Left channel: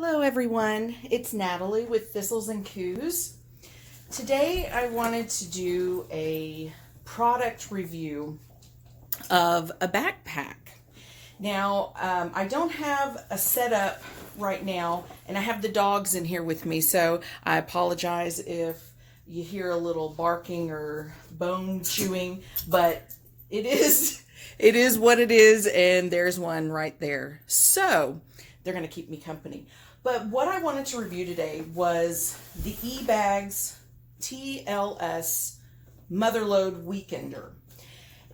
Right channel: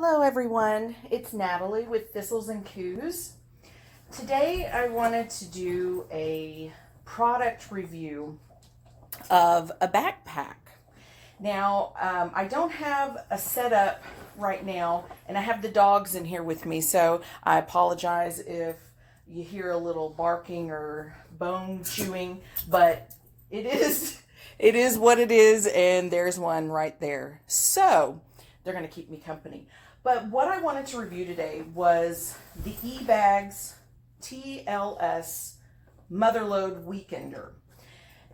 Hello everyone, it's Natalie with Thistles and Coos. Today I wanted to do a product review of a backpack. Now I don't have a setup right now and I have the dogs in here with me, so I apologize if you hear a little barking or bone chewing, but it is what it is, and there's one right there. So they're going to keep me company. But what I wanted to review today was the eBags TLS Mother Lode Weekender.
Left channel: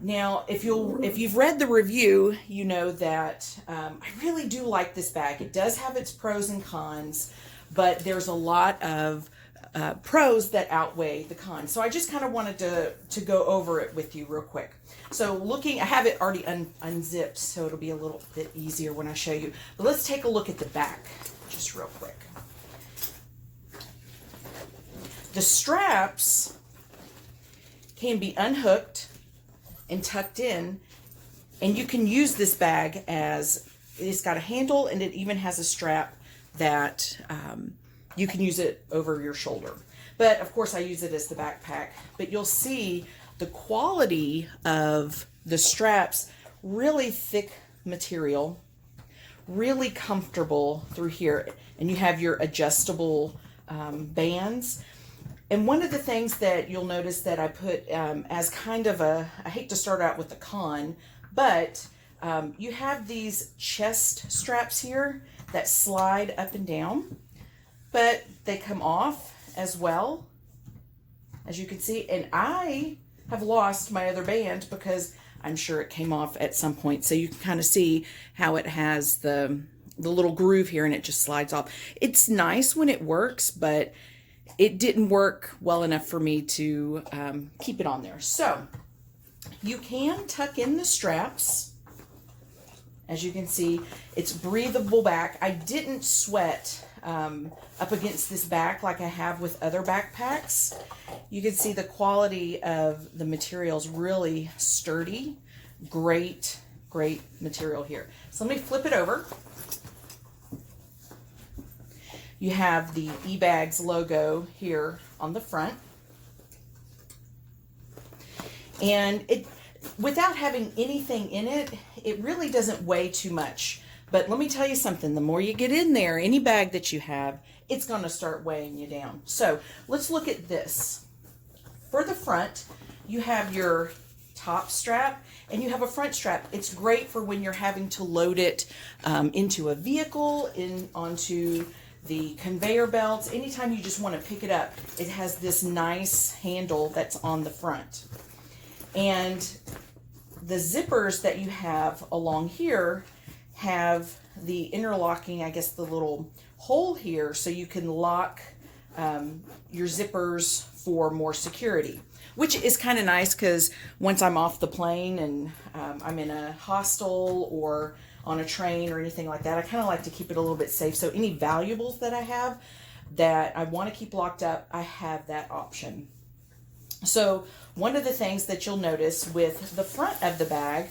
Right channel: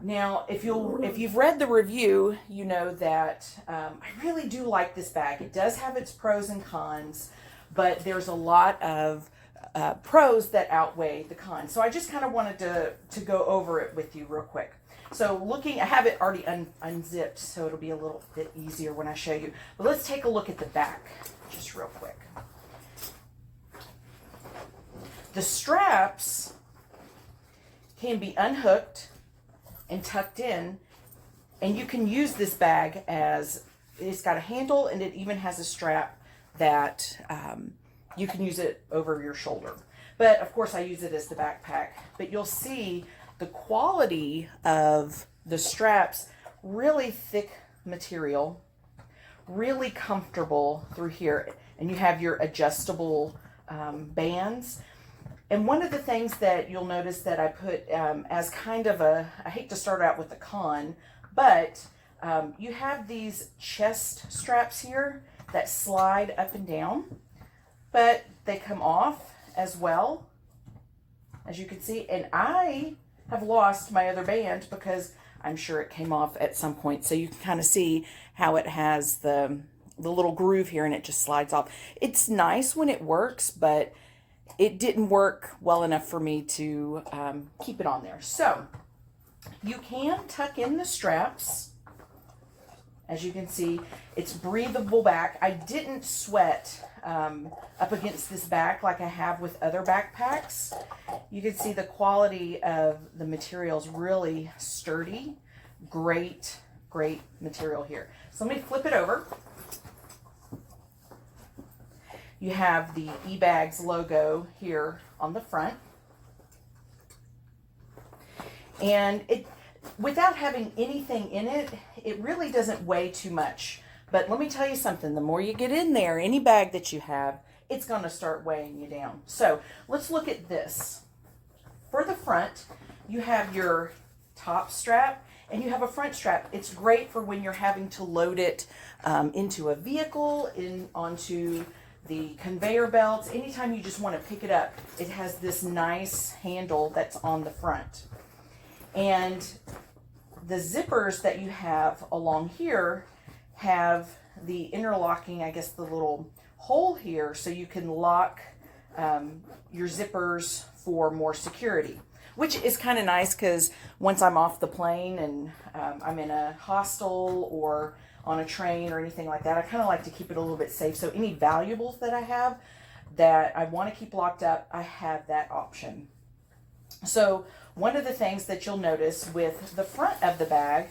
Now, if you've read the review, you know that I really do like this bag. It does have its pros and cons, but there's a lot of pros that outweigh the cons. So I just kind of wanted to go over it with you real quick. So I have it already unzipped, so it'll be a little bit easier when I show you. But let's take a look at the back just real quick. The straps can be unhooked and tucked in, and you can use this bag as it's got a handle, and it even has a strap that you can use it over your shoulder. But of course I use it as the backpack. But you'll see the quality of the straps, really thick material, really comfortable through here, and you have your adjustable bands. And one of the things that you'll notice that I put as kind of I hate to start out with a con, but you have these chest straps here that slide up and down, but they come off as well, as you can see. And I have lost my other band because I'm sure it came off at some point. So you can kind of see how it has the little groove here and it just slides off. It's nice when it works, but it didn't work well enough for me to keep it on there. So you can tuck in the straps. As you can see, it's breathable back. I didn't sweat up against this back like I have with other backpacks. You can see the quality of the material is really sturdy. Great material here. So let me flip it over. You have the eBags logo here on the front. And without having anything in it, it really doesn't weigh too much. But let me tell you something, the more you get in there, any bag that you have, it's going to start weighing you down. So let's look at this. For the front, you have your top strap and you have a front strap. It's great for when you're having to load it into a vehicle, onto the conveyor belts. Anytime you just want to pick it up, it has this nice handle that's on the front. And the zippers that you have along here have the interlocking, I guess, the little hole here, so you can lock your zippers for more security, which is kind of nice because once I'm off the plane and I'm in a hostel or on a train or anything like that, I kind of like to keep it a little bit safe. So any valuables that I have that I want to keep locked up, I have that option. So one of the things that you'll notice with the front of the bag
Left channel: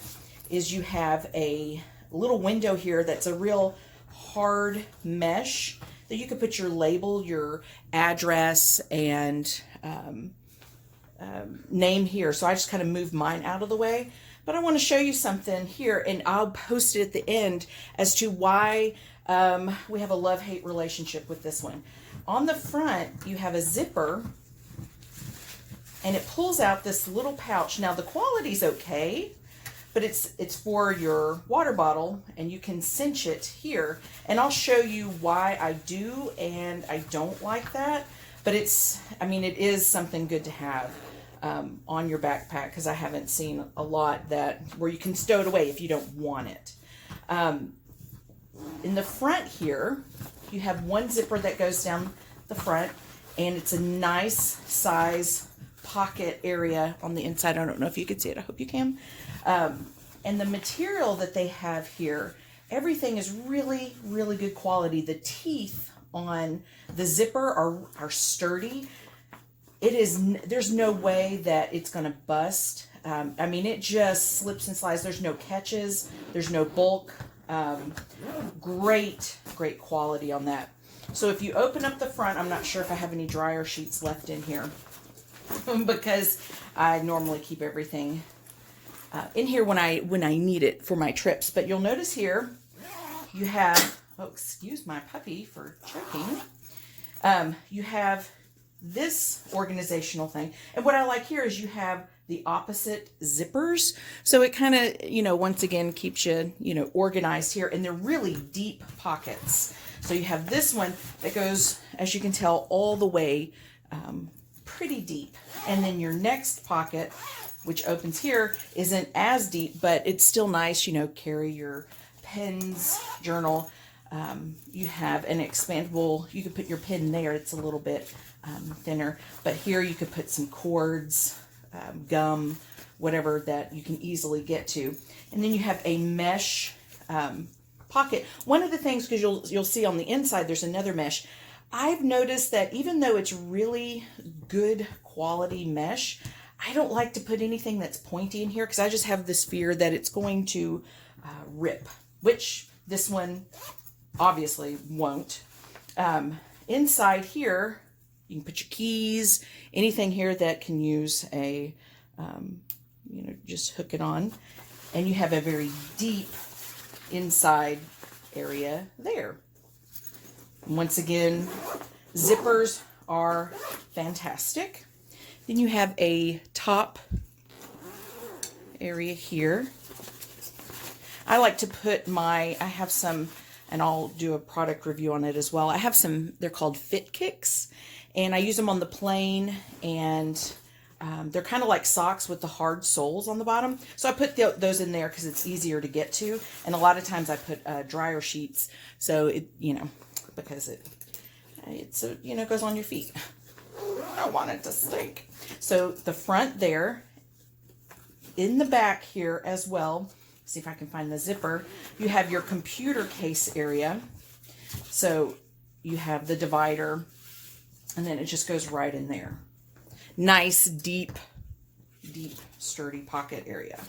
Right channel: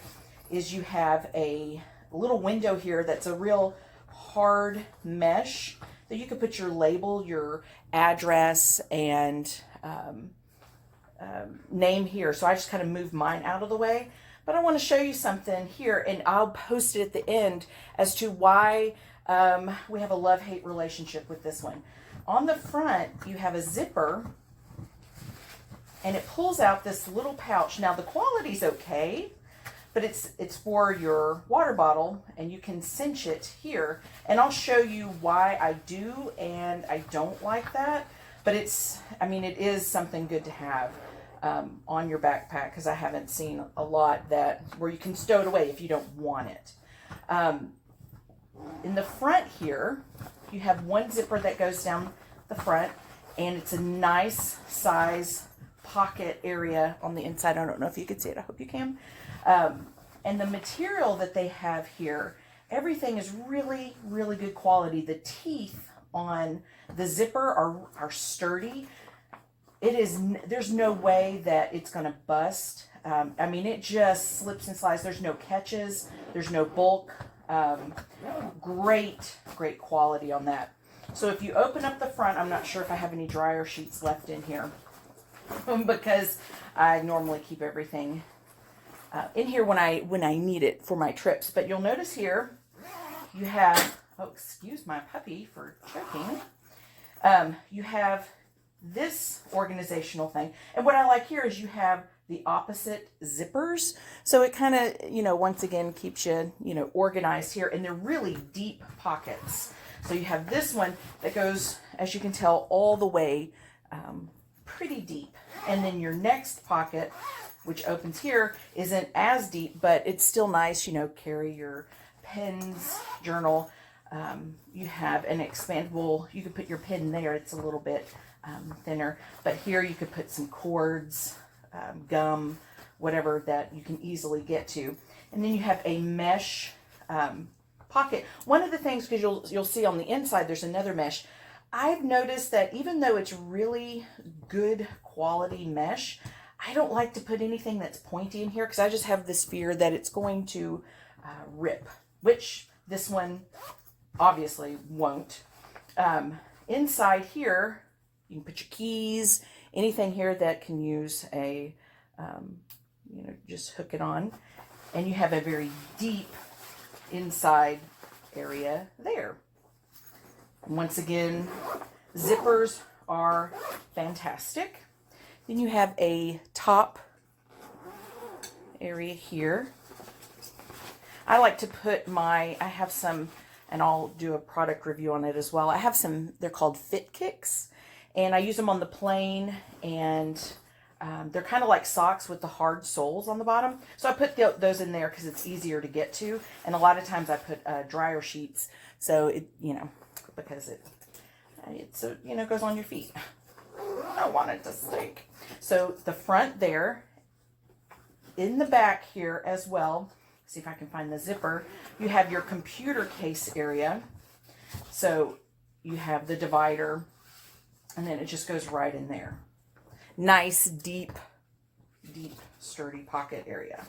is you have a little window here that's a real hard mesh that you can put your label, your address, and name here. So I just kind of moved mine out of the way. But I want to show you something here, and I'll post it at the end as to why we have a love-hate relationship with this one. On the front, you have a zipper, and it pulls out this little pouch. Now the quality's okay, but it's for your water bottle, and you can cinch it here. And I'll show you why I do and I don't like that. But it is something good to have on your backpack, because I haven't seen a lot where you can stow it away if you don't want it. In the front here, you have one zipper that goes down the front, and it's a nice size pocket area on the inside. I don't know if you can see it. I hope you can. And the material that they have here, everything is really good quality. The teeth on the zipper are sturdy. There's no way that it's going to bust. It just slips and slides. There's no catches. There's no bulk Great quality on that. So if you open up the front, I'm not sure if I have any dryer sheets left in here because I normally keep everything in here when I need it for my trips. But you'll notice here you have, oh, excuse my puppy for choking. You have this organizational thing. And what I like here is you have the opposite zippers. So it kind of, once again, keeps you, organized here. And they're really deep pockets. So you have this one that goes, as you can tell, all the way pretty deep. And then your next pocket, which opens here, isn't as deep, but it's still nice, carry your pens, journal. You have an expandable, you could put your pen there. It's a little bit thinner, but here you could put some cords, gum, whatever that you can easily get to. And then you have a mesh pocket. One of the things, because you'll see on the inside there's another mesh. I've noticed that even though it's really good quality mesh, I don't like to put anything that's pointy in here because I just have this fear that it's going to rip, which this one obviously won't. Inside here, you can put your keys, anything here that can use a, just hook it on. And you have a very deep inside area there. And once again, zippers are fantastic. Then you have a top area here. I like to put I have some, and I'll do a product review on it as well. I have some, they're called Fit Kicks, and I use them on the plane, and they're kind of like socks with the hard soles on the bottom. So I put those in there because it's easier to get to. And a lot of times I put dryer sheets, so it, because it goes on your feet. I don't want it to stink. So the front there, in the back here as well, see if I can find the zipper, you have your computer case area. So you have the divider, and then it just goes right in there. Nice, deep, sturdy pocket area.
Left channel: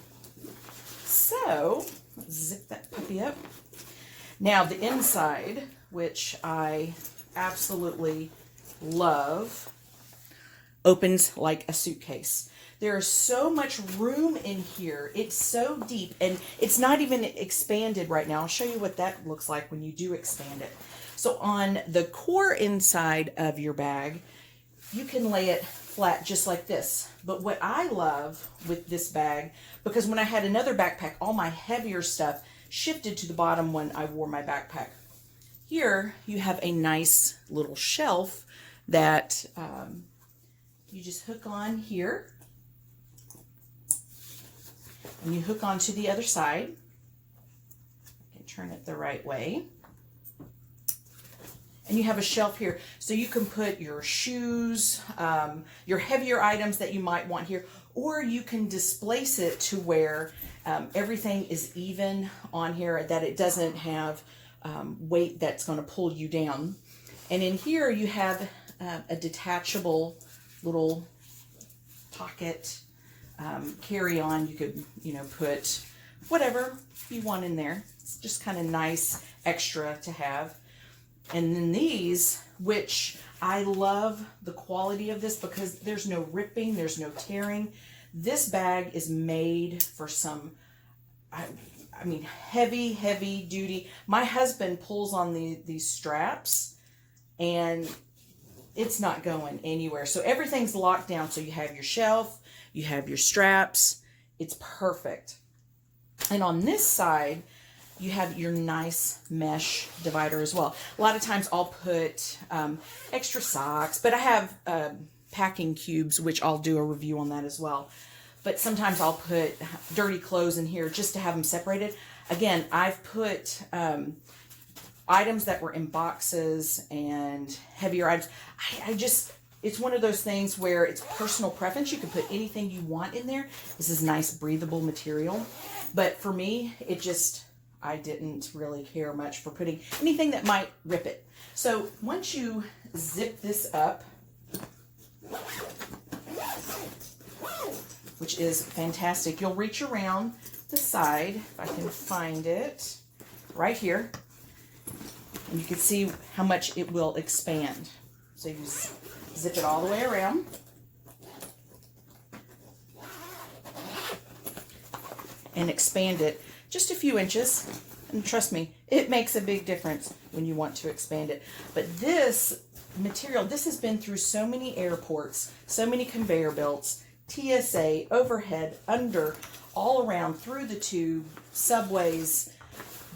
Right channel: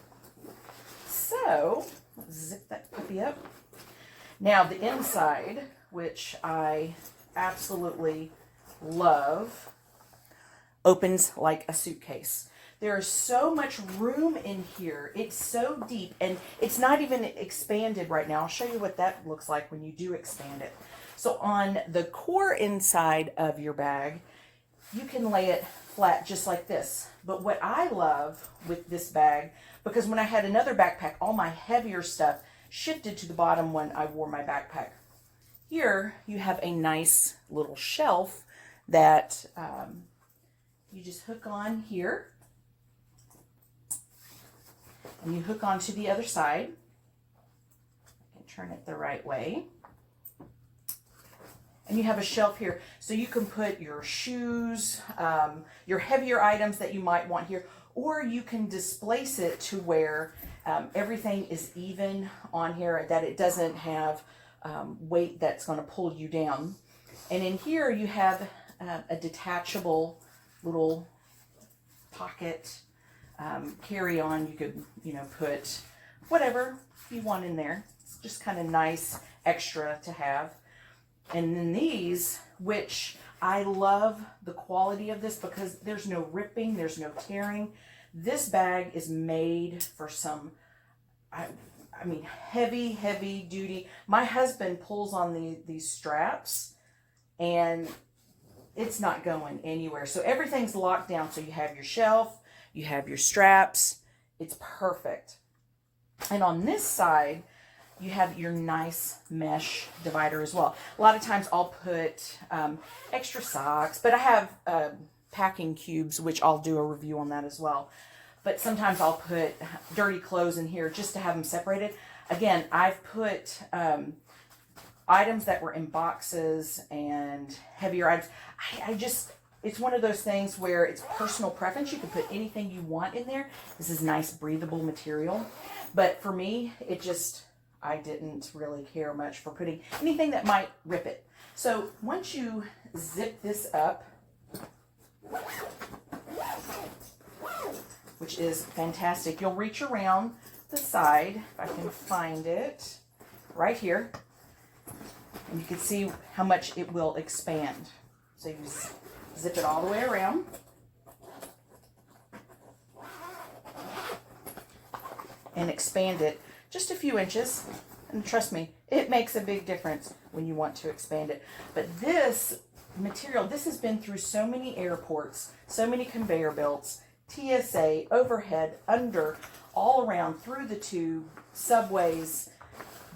So let's zip that puppy up. Now the inside, which I absolutely love, opens like a suitcase. There is so much room in here. It's so deep, and it's not even expanded right now. I'll show you what that looks like when you do expand it. So on the core inside of your bag, you can lay it flat just like this. But what I love with this bag, because when I had another backpack, all my heavier stuff shifted to the bottom when I wore my backpack. Here you have a nice little shelf that you just hook on here, and you hook onto the other side. I can turn it the right way. And you have a shelf here, so you can put your shoes, your heavier items that you might want here, or you can displace it to where everything is even on here, that it doesn't have weight that's going to pull you down. And in here you have a detachable little pocket carry-on. You could, put whatever you want in there. It's just kind of nice extra to have. And then these, which I love the quality of this because there's no ripping, there's no tearing. This bag is made for some, I mean, heavy duty. My husband pulls on these straps and it's not going anywhere. So everything's locked down. So you have your shelf, you have your straps. It's perfect. And on this side, you have your nice mesh divider as well. A lot of times I'll put extra socks, but I have packing cubes, which I'll do a review on that as well. But sometimes I'll put dirty clothes in here just to have them separated. Again, I've put items that were in boxes and heavier items. It's one of those things where it's personal preference. You can put anything you want in there. This is nice, breathable material. But for me, I didn't really care much for putting anything that might rip it. So once you zip this up, which is fantastic, you'll reach around the side, if I can find it. right here. And you can see how much it will expand. So you zip it all the way around. And expand it just a few inches. And trust me, it makes a big difference when you want to expand it. But this material, this has been through so many airports, so many conveyor belts, TSA, overhead, under, all around, through the tube, subways,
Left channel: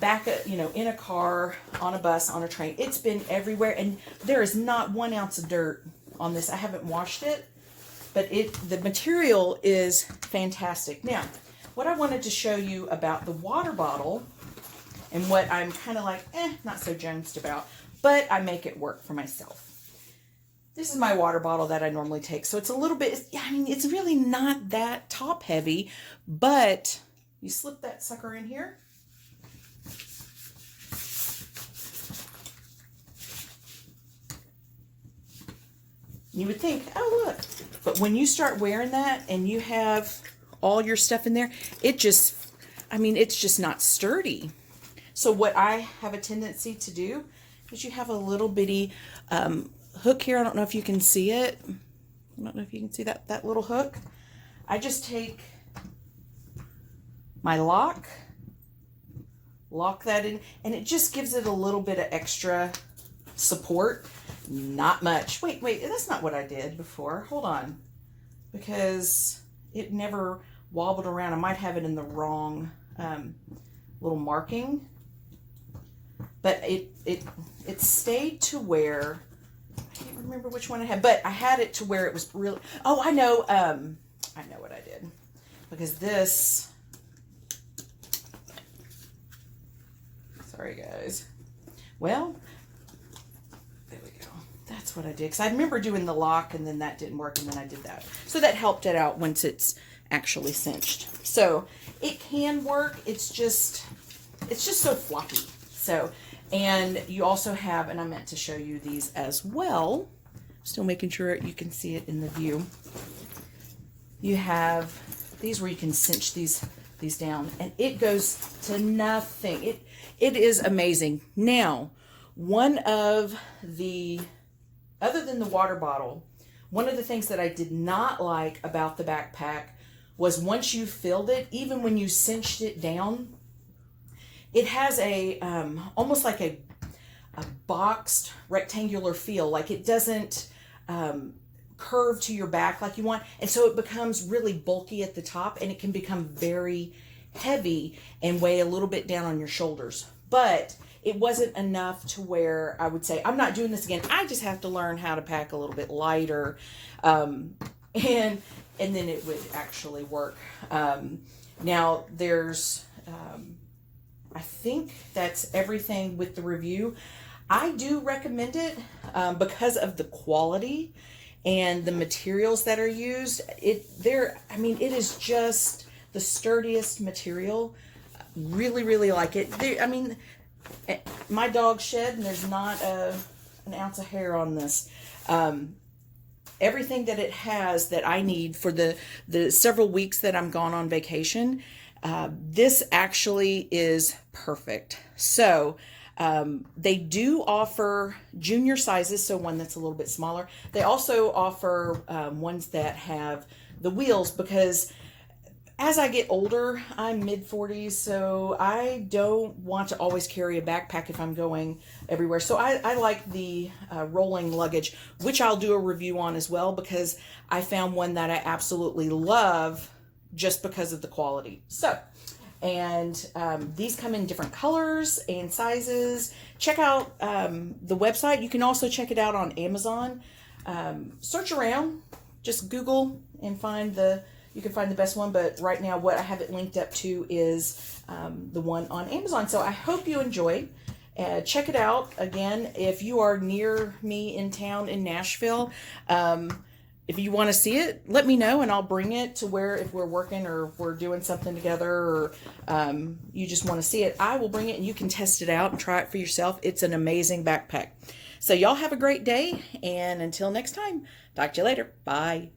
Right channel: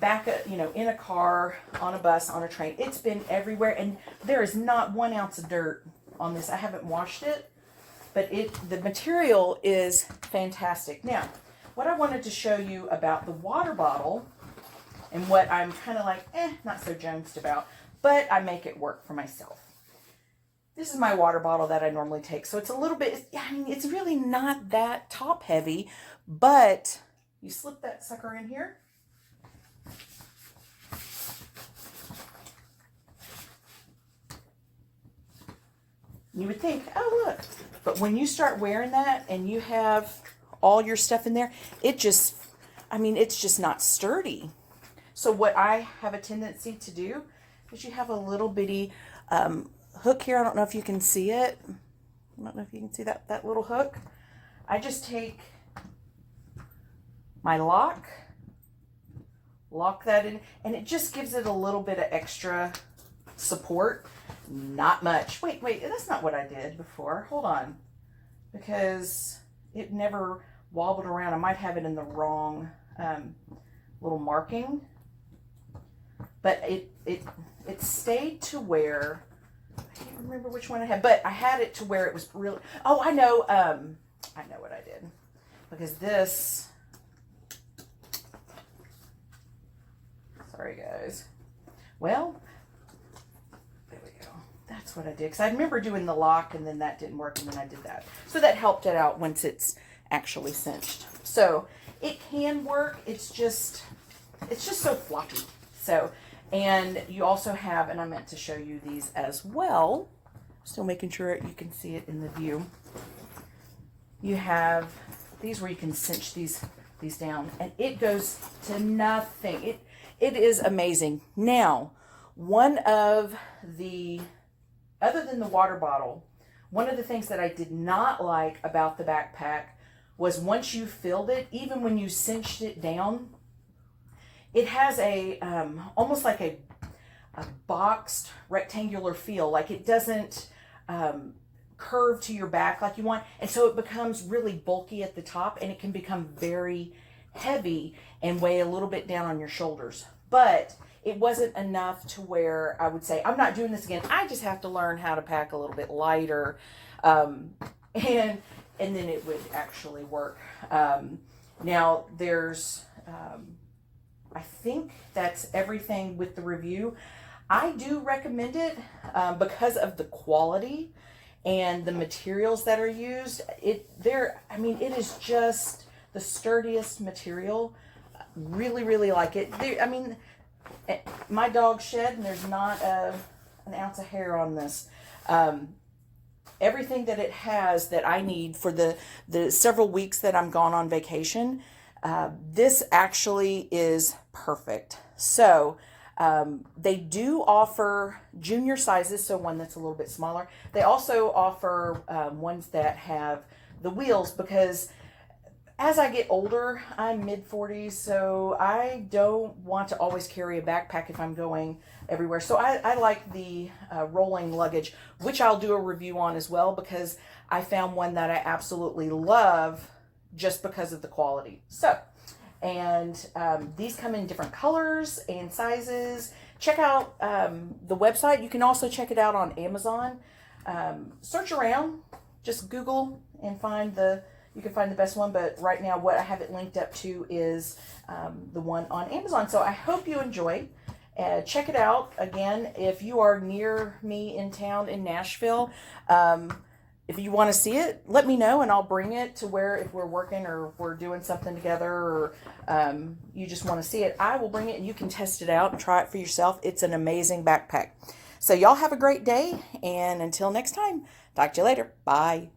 back, in a car, on a bus, on a train. It's been everywhere, and there is not 1 ounce of dirt on this. I haven't washed it, but the material is fantastic. Now, what I wanted to show you about the water bottle, and what I'm kind of like, not so jonesed about, but I make it work for myself. This is my water bottle that I normally take. So it's a little bit, it's really not that top heavy, but you slip that sucker in here. You would think, oh, look. But when you start wearing that and you have all your stuff in there, it's just not sturdy. So what I have a tendency to do is you have a little bitty hook here. I don't know if you can see it. I don't know if you can see that little hook. I just take my lock that in, and it just gives it a little bit of extra support. Not much. Wait, that's not what I did before. Hold on. Because it never wobbled around. I might have it in the wrong little marking. But it stayed to where, I can't remember which one I had, but I had it to where it was really, oh, I know what I did. Because this, sorry guys. Well, there we go. That's what I did. Because I remember doing the lock and then that didn't work and then I did that. So that helped it out once it's actually cinched. So it can work. It's just so floppy. So, and you also have, and I meant to show you these as well. Still making sure you can see it in the view. You have these where you can cinch these down, and it goes to nothing. It is amazing. Now, one of the, other than the water bottle, one of the things that I did not like about the backpack was once you filled it, even when you cinched it down, it has a almost like a boxed rectangular feel. Like it doesn't curve to your back like you want. And so it becomes really bulky at the top, and it can become very heavy and weigh a little bit down on your shoulders. But it wasn't enough to where I would say, I'm not doing this again. I just have to learn how to pack a little bit lighter. And then it would actually work. Now there's, I think that's everything with the review. I do recommend it because of the quality and the materials that are used. It is just the sturdiest material. Really, really like it. My dog shed, and there's not an ounce of hair on this. Everything that it has that I need for the several weeks that I'm gone on vacation, this actually is perfect. So they do offer junior sizes, so one that's a little bit smaller. They also offer ones that have the wheels, because as I get older, I'm mid-40s, so I don't want to always carry a backpack if I'm going everywhere. So I like the rolling luggage, which I'll do a review on as well, because I found one that I absolutely love just because of the quality. So, and these come in different colors and sizes. Check out the website. You can also check it out on Amazon. Search around, just Google and you can find the best one, but right now what I have it linked up to is the one on Amazon. So I hope you enjoy. Check it out. Again, if you are near me in town in Nashville, if you want to see it, let me know and I'll bring it to where, if we're working or if we're doing something together, or you just want to see it, I will bring it and you can test it out and try it for yourself. It's an amazing backpack. So y'all have a great day, and until next time, talk to you later. Bye.